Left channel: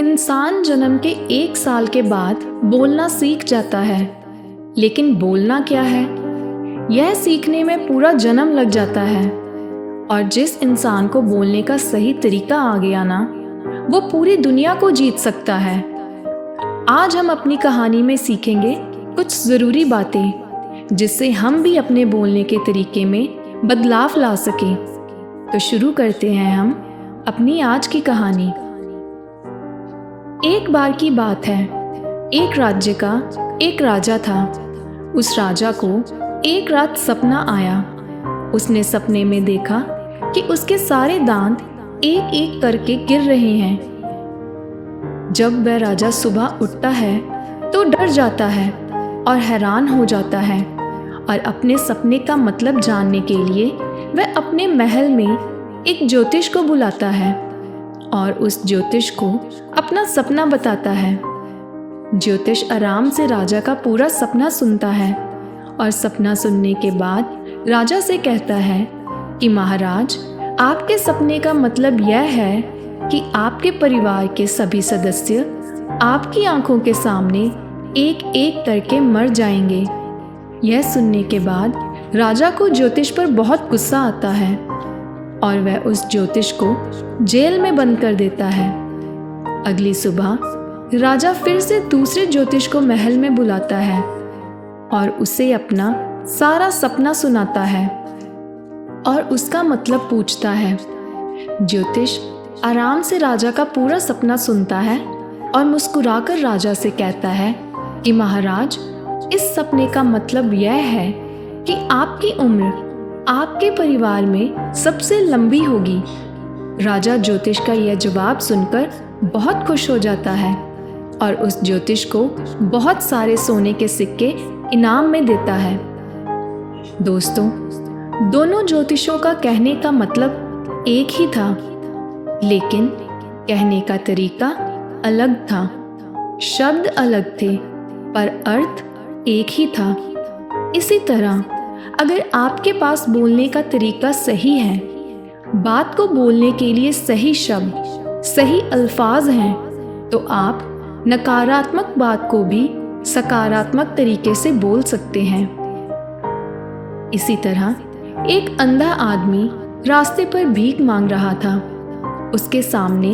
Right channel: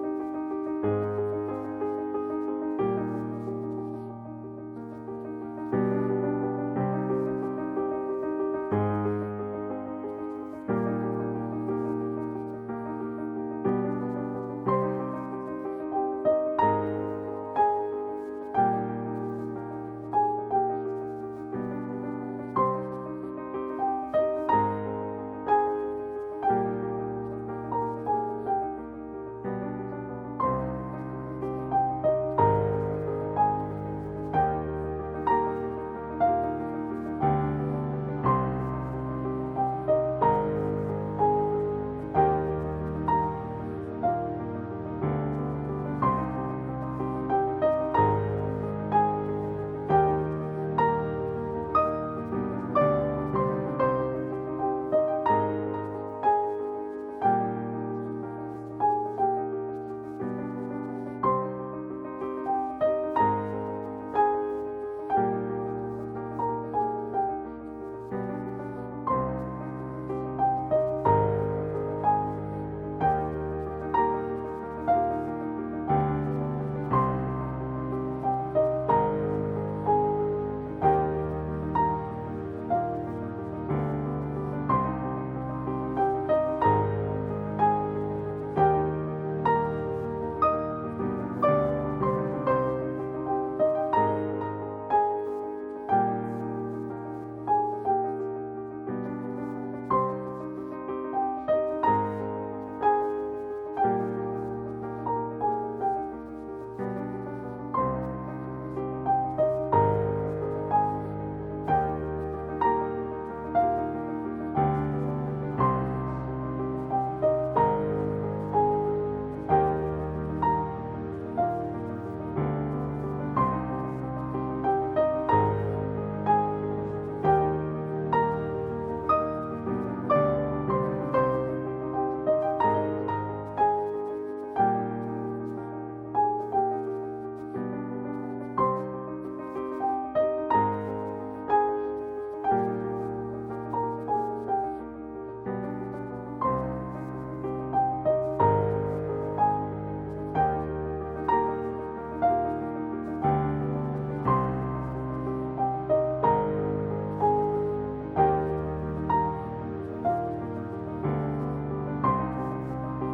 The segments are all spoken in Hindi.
इंसान जन्म के 1 साल के बाद बोलना सीख जाता है, लेकिन बोलना क्या है, यह सीखने में पूरा जन्म लग जाता है। और जिस इंसान को बोलने का सही तरीका आ गया ना, वो पूरी दुनिया को जीत सकता है। आज हम अपनी कहानी में सीखेंगे कुछ ज़रूरी बातें, जिससे हम भी अपने बोलने के तरीके में बदलाव ला सकें। तो शुरू करते हैं हम अपनी आज की कहानी। एक बार की बात है, एक राज्य का एक राजा था। उस राजा को एक रात सपना आया। उसने सपने में देखा कि उसके सारे दांत एक एक करके गिर रहे हैं। जब वह राजा सुबह उठता है तो डर जाता है और हैरान हो जाता है, और अपने सपने का मतलब जानने के लिए वह अपने महल में एक ज्योतिष को बुलाता है और उस ज्योतिष को अपना सपना बताता है। ज्योतिष आराम से राजा का पूरा सपना सुनता है और सपना सुनने के बाद राजा से कहता है कि महाराज, आपके सपने का मतलब यह है कि आपके परिवार के सभी सदस्य आपकी आंखों के सामने एक एक करके मर जाएंगे। यह सुनने के बाद राजा को ज्योतिष पर बहुत गुस्सा आता है और वह उस ज्योतिष को जेल में बंद कर देता है। अगली सुबह राजा फिर से दूसरे ज्योतिष को महल में बुलाता है और उसे अपना सारा सपना सुनाता है और उसका मतलब पूछता है। ज्योतिष आराम से राजा का पूरा सपना सुनता है और मुस्कुराकर राजा से कहता है कि महाराज, इस सपने का मतलब यह है कि आपकी उम्र आपके परिवार में सबसे लंबी होगी। राजा ज्योतिष का यह जवाब सुनकर बहुत खुश हो जाता है और उस ज्योतिष को बहुत सारे सोने के सिक्के इनाम में देता है। दोस्तों, दोनों ज्योतिषों का कहने का मतलब एक ही था, लेकिन कहने का तरीका अलग था। शब्द अलग थे, पर अर्थ एक ही था। इसी तरह अगर आपके पास बोलने का तरीका सही है, बात को बोलने के लिए सही शब्द, सही अल्फाज हैं, तो आप नकारात्मक बात को भी सकारात्मक तरीके से बोल सकते हैं। इसी तरह एक अंधा आदमी रास्ते पर भीख मांग रहा था। उसके सामने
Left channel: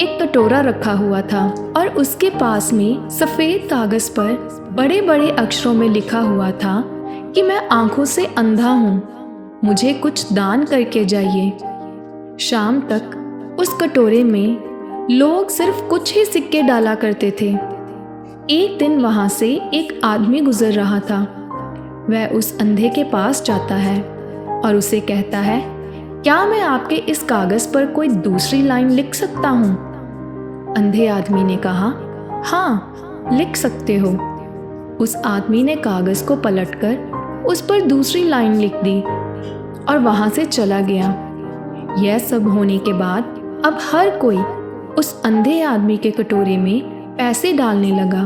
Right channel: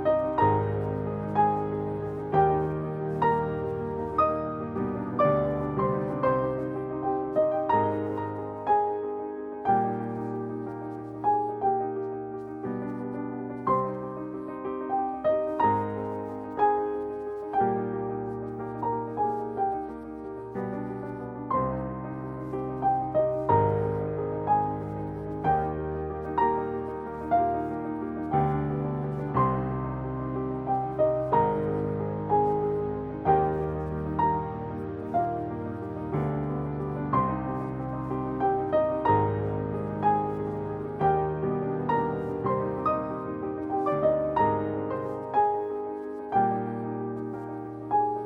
एक कटोरा रखा हुआ था और उसके पास में सफ़ेद कागज़ पर बड़े बड़े अक्षरों में लिखा हुआ था कि मैं आंखों से अंधा हूँ, मुझे कुछ दान करके जाइए। शाम तक उस कटोरे में लोग सिर्फ कुछ ही सिक्के डाला करते थे। एक दिन वहाँ से एक आदमी गुजर रहा था। वह उस अंधे के पास जाता है और उसे कहता है, क्या मैं आपके इस कागज़ पर कोई दूसरी लाइन लिख सकता हूँ? अंधे आदमी ने कहा, हाँ, लिख सकते हो। उस आदमी ने कागज़ को पलटकर उस पर दूसरी लाइन लिख दी और वहाँ से चला गया। यह सब होने के बाद अब हर कोई उस अंधे आदमी के कटोरे में पैसे डालने लगा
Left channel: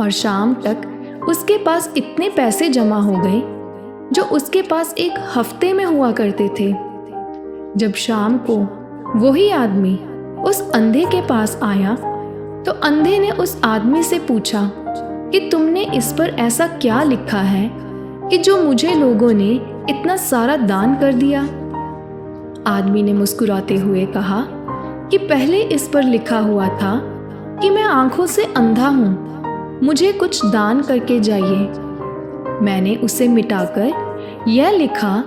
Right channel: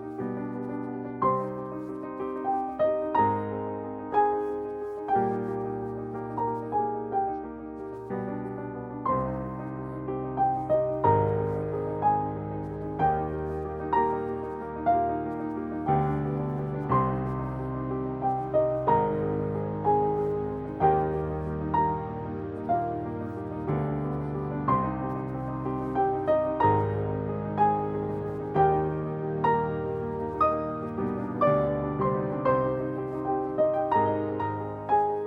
और शाम तक उसके पास इतने पैसे जमा हो गए जो उसके पास एक हफ्ते में हुआ करते थे। जब शाम को वही आदमी उस अंधे के पास आया तो अंधे ने उस आदमी से पूछा कि तुमने इस पर ऐसा क्या लिखा है कि जो मुझे लोगों ने इतना सारा दान कर दिया? आदमी ने मुस्कुराते हुए कहा कि पहले इस पर लिखा हुआ था कि मैं आंखों से अंधा हूँ, मुझे कुछ दान करके जाइए। मैंने उसे मिटाकर यह लिखा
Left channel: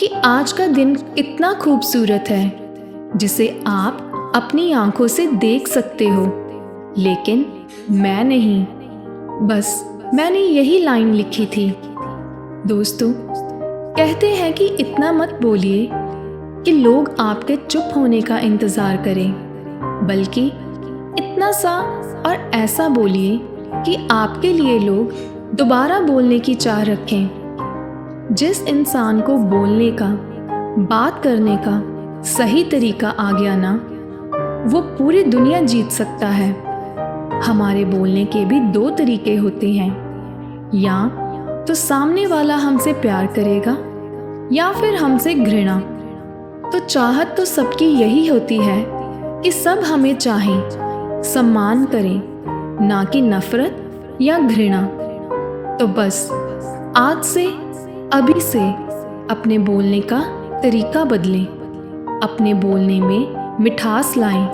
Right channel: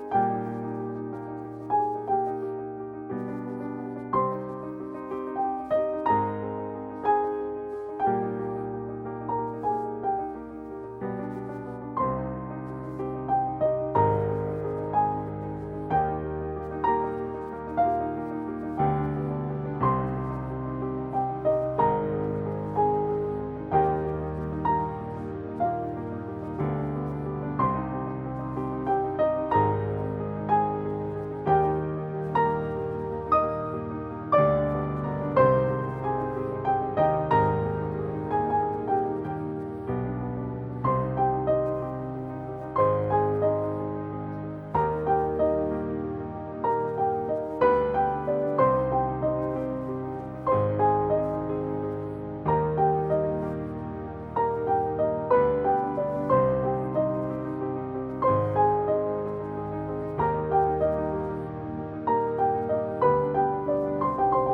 कि आज का दिन इतना खूबसूरत है जिसे आप अपनी आंखों से देख सकते हो, लेकिन मैं नहीं। बस मैंने यही लाइन लिखी थी। दोस्तों, कहते हैं कि इतना मत बोलिए कि लोग आपके चुप होने का इंतज़ार करें, बल्कि इतना सा और ऐसा बोलिए कि आपके लिए लोग दोबारा बोलने की चाह रखें। जिस इंसान को बोलने का, बात करने का सही तरीका आ गया ना, वो पूरी दुनिया जीत सकता है। हमारे बोलने के भी 2 तरीके होते हैं, या तो सामने वाला हमसे प्यार करेगा या फिर हमसे घृणा। तो चाहत तो सबकी यही होती है कि सब हमें चाहें, सम्मान करें, ना कि नफरत या घृणा। तो बस आज से, अभी से अपने बोलने का तरीका बदलें, अपने बोलने में मिठास लाएं,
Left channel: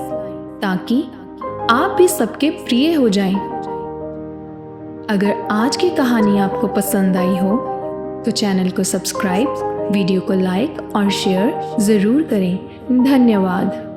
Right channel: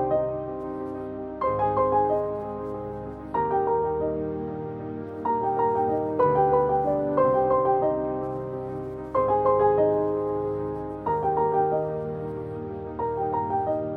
ताकि आप भी सबके प्रिय हो जाएं। अगर आज की कहानी आपको पसंद आई हो तो चैनल को सब्सक्राइब, वीडियो को लाइक और शेयर ज़रूर करें। धन्यवाद।